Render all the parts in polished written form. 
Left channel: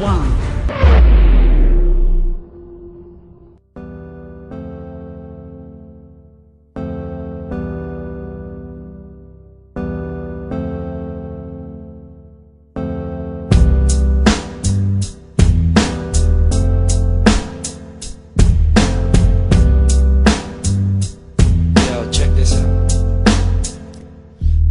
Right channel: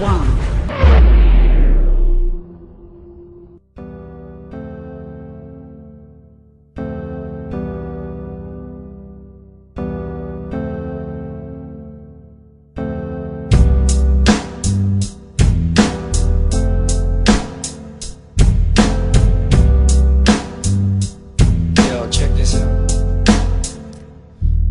1. Check this out.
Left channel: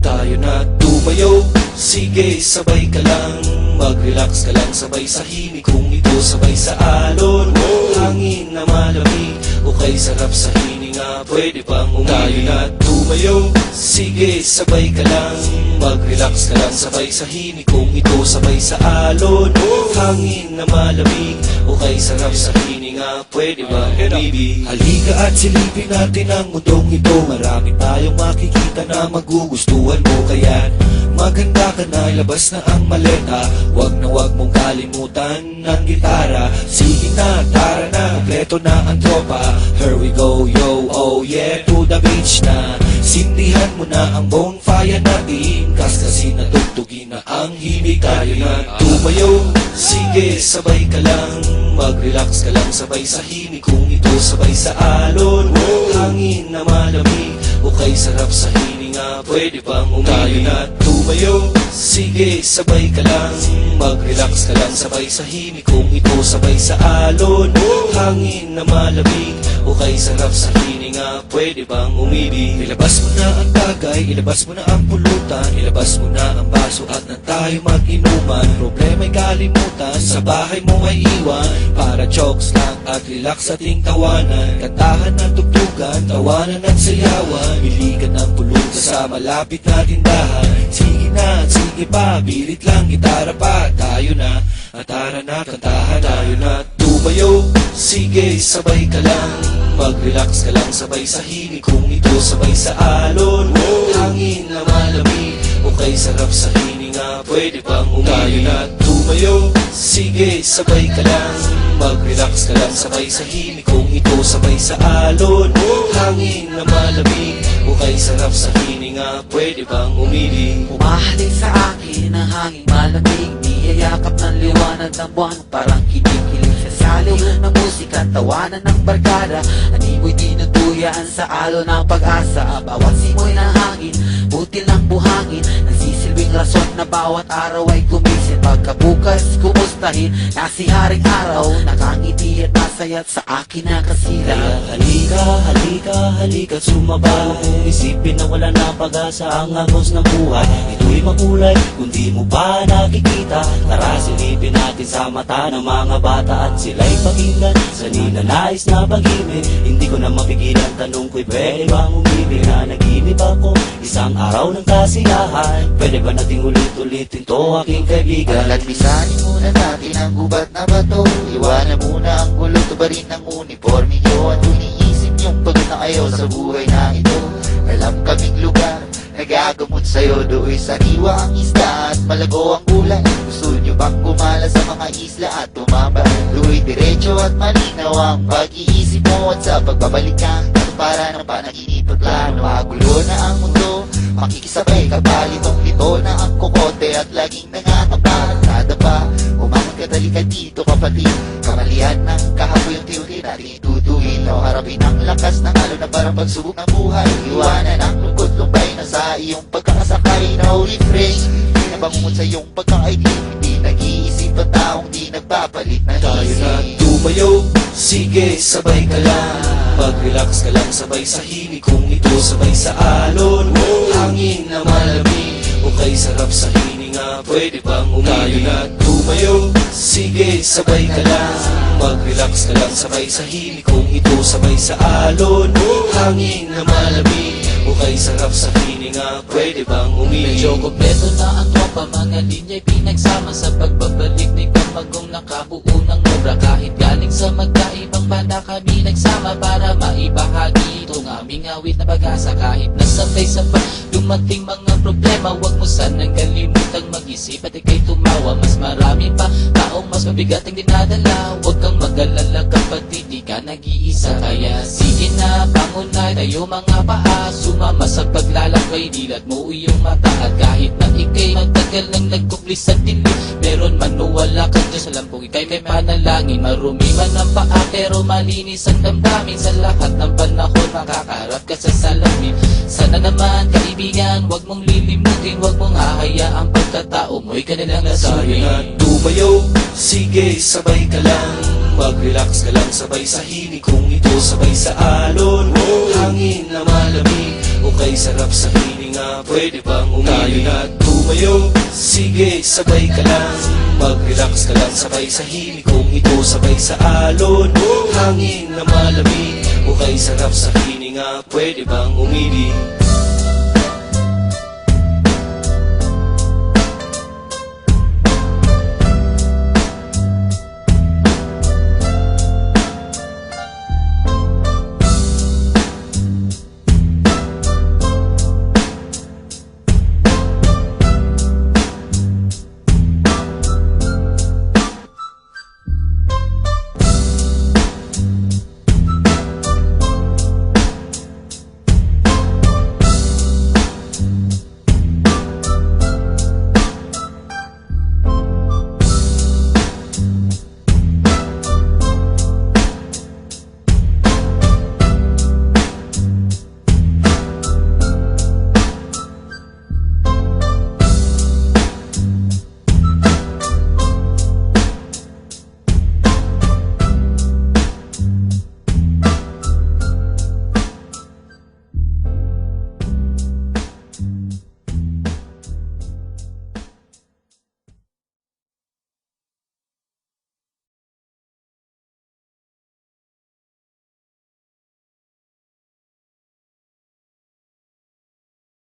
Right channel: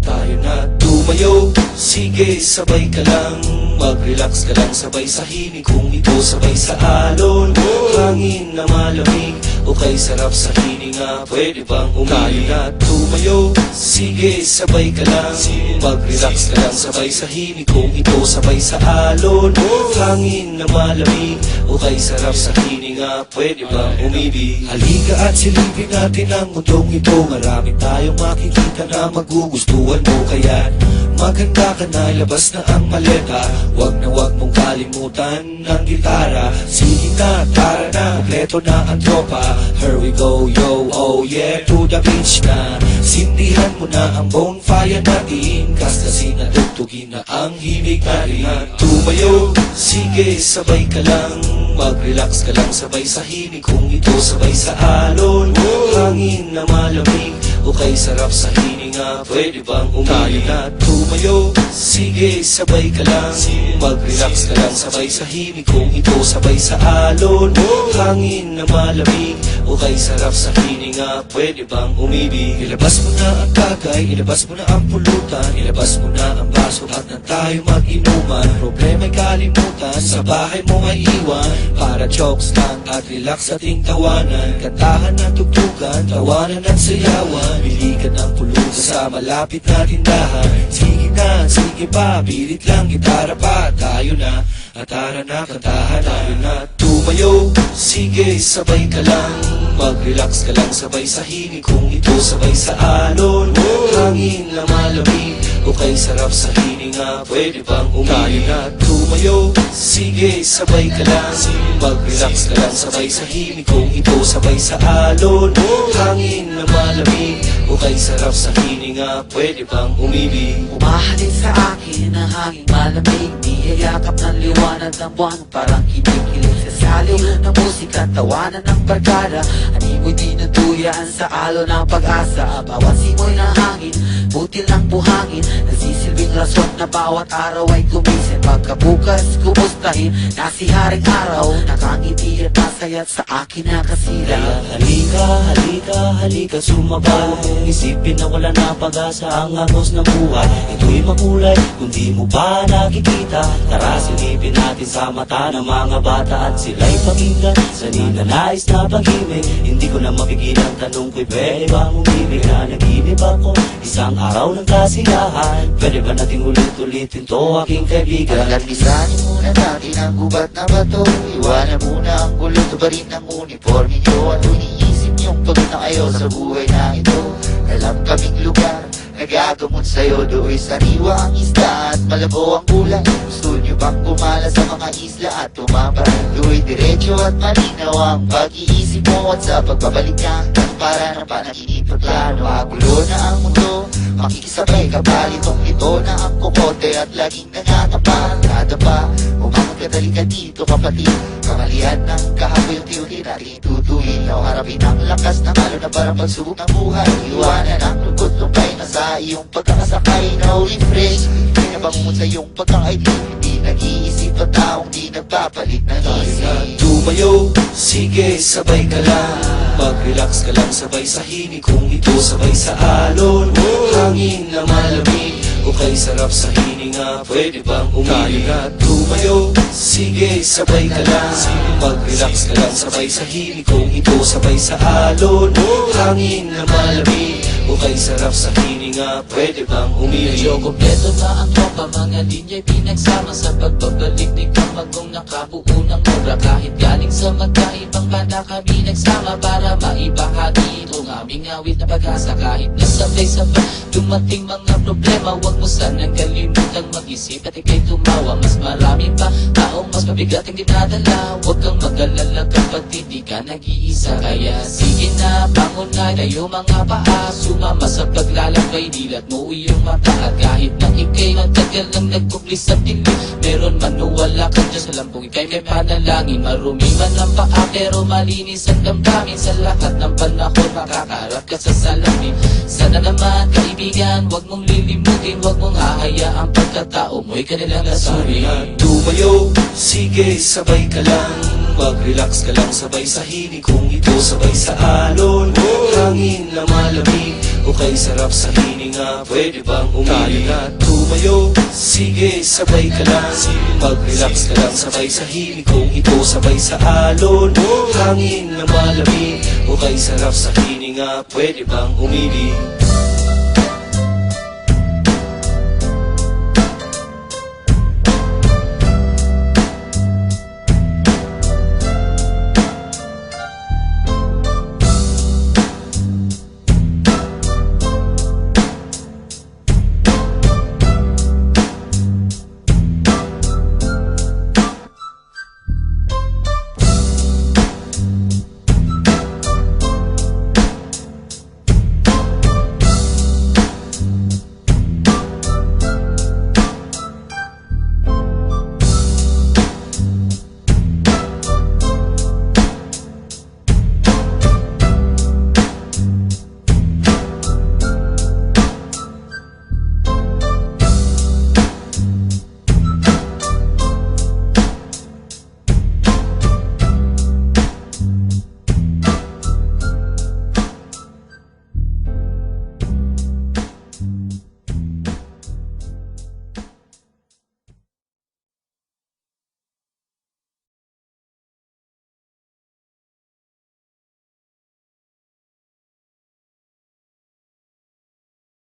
Tayo na tumayo, sige sabay ka lang. Mag-relax ka lang sabay sa himig. Kung ito sabay sa alon, hangin na malamig o kay sarap sa hininga, pwede bang tayo na tumayo, sige sabay ka lang. Mag-relax ka lang sabay sa himig. Kung ito sabay sa alon, hangin na malamig o kay sarap sa hininga, pwede bang umibig. Halika at silipin natin ang mundong ito. Marami tayong makikita na magugustuhan mo. Kaya maganda ka na, ilabas na ang maleta. Wag mong kalimutan ng gitara. Sige na, tara na, kompleto na ang tropa. Here we go, yo, oh yeah, to the beach na. Sindihan mo na ang bonfire natin, kasi natugtugin na ang himig. Tayo na tumayo, sige sabay ka lang. Mag-relax ka lang sabay sa himig. Kung ito sabay sa alon, hangin na malamig o kay sarap sa hininga, pwede bang tayo na tumayo, sige sabay ka lang. Mag-relax ka lang sabay sa himig. Kung ito sabay sa alon, hangin na malamig o kay sarap sa hininga, pwede bang umibig. Ilabas mo na ang tagay, ilabas mo na ang pulutan, ilabas mo na ang baso at na tayo mag-inuman. Problema'y kalimutan, sa bahay mo ay iwan, para jokes lang at relax ating tawanan. Kantahan at tugtugan, tawanan at sayawan, biligan ng pulutan sa malapit na tindahan. Sige na, sige pa, birit lang, gitara pa. Tayo na, tara na, kantahan. Tayo na tumayo, sige sabay ka lang. Mag-relax ka lang sabay sa himig. Kung ito sabay sa alon, hangin na malamig o kay sarap sa hininga, pwede bang tayo na tumayo, sige sabay ka lang. Mag-relax ka lang sabay sa himig. Kung ito sabay sa alon, hangin na malamig o kay sarap sa hininga, pwede bang umibig. Umahalik sa akin ang hangin malamig, niyayakap ng liwanag ng buwan, parang kinikilig sa saliw ng musika, tawanan ng barkada. Animoy dinuduyan sa alo ng pag-asa. Bawat simoy ng hangin, butil ng buhangin, nagsisilbing rason na bawat araw ay gumising. Pagkabukas, kumustahin na si haring araw, nakangiti at masayat sa akin nakasila. Halika, halika, halika, sumabay. Kung isipin na wala na pag-asa ang agos ng buhay, ito'y makulay kung di mo pa nakikita. Tara silipin natin sa mata ng mga bata at sila'y pakinggan sa ninanais na pag-ibig. Hindi ko na mapigilan, tanong ko'y pwede bang umibig na nag-ibig ako isang araw ng kasiyahan. Pwede ba nating ulit-ulitin to aking kaibigan? Pisanin muna natin ang gubat na bato, iwanan muna ang gulo, tubarin ng uniforme nyo. At iniisip niyong pag na kayo sa buhay na ito, walang kaming lugar nagagamot sa'yo. Do'y sariwa ang isda at malabo ang kulay. Gusto nyo bang gumala sa mga isla at tumamba? Do'y diretso at malinaw ang pag-iisip mo, at sa pagbabalik ka para ng panaginip at plano. Magulo na ang mundo, makikisabay ka pa, litong-lito na ang kukote at laging nangangapa. Nadapa, umanong kadali ka dito kapatid, kamalian ng kahapon yung tiyuli natin itutuhin. No, harapin ang lakas ng halo na parang pagsubok ng buhay. Iwanan ang lungkot, lumbay na sa iyong pagkakasakay. No refresh, hindi na bangungot sa iyong pagkakaibig. Hindi nag-iisip ang taong di nagpapalit na isip. Tumayo, sige sabay ka lang. Mag-relax ka lang sabay sa himig. Kung ito sabay sa alon, hangin na malamig o kay sarap sa hininga, pwede bang tayo na tumayo, sige sabay ka lang. Mag-relax ka lang sabay sa himig. Kung ito sabay sa alon, hangin na malamig o kay sarap sa hininga, pwede bang umibig. Medyo kompleto na ang tropa, mga linya'y pinagsama sa pagbabalik ni Kamagong nakabuo ng obra. Kahit galing sa magkaibang banda kami nagsama para maibahagi itong aming awit na pag-asa. Kahit nasabay-sabay dumating mga problema, huwag mo sanang kalimutang mag-isip at ika'y tumawa. Mas marami pa taong mas mabigat ang dinadala, huwag kang mag-alala kapatid, di ka nag-iisa. Kaya sige na, pangunay tayo mga paa, sumama sa paglalakbay, dilat mo iyong mata. At kahit na ika'y magtagal matagal nang nagkubli sa dilim. Meron man o wala ka dyan sa lampong ika'y may panalangin. Marumi man ang paa pero malinis ang damdamin. Sa lahat ng panahon makakaharap ka sa salamin. Sana naman kaibigan, wag mong lilimutin, wag mong hahayaan pagkatao mo'y kanilang Sabi nga lasurin. tumayo, sige sabay ka lang. Mag-relax ka lang sabay sa himig kung ito sabay sa alon. Hangin na malamig o kay sarap sa hininga, pwede bang umilig? At tumayo, sige sabay ka lang. Mag-relax ka lang sabay sa himig kung ito sabay sa alon. Hangin na malamig o kay sarap sa hininga, pwede bang umibig?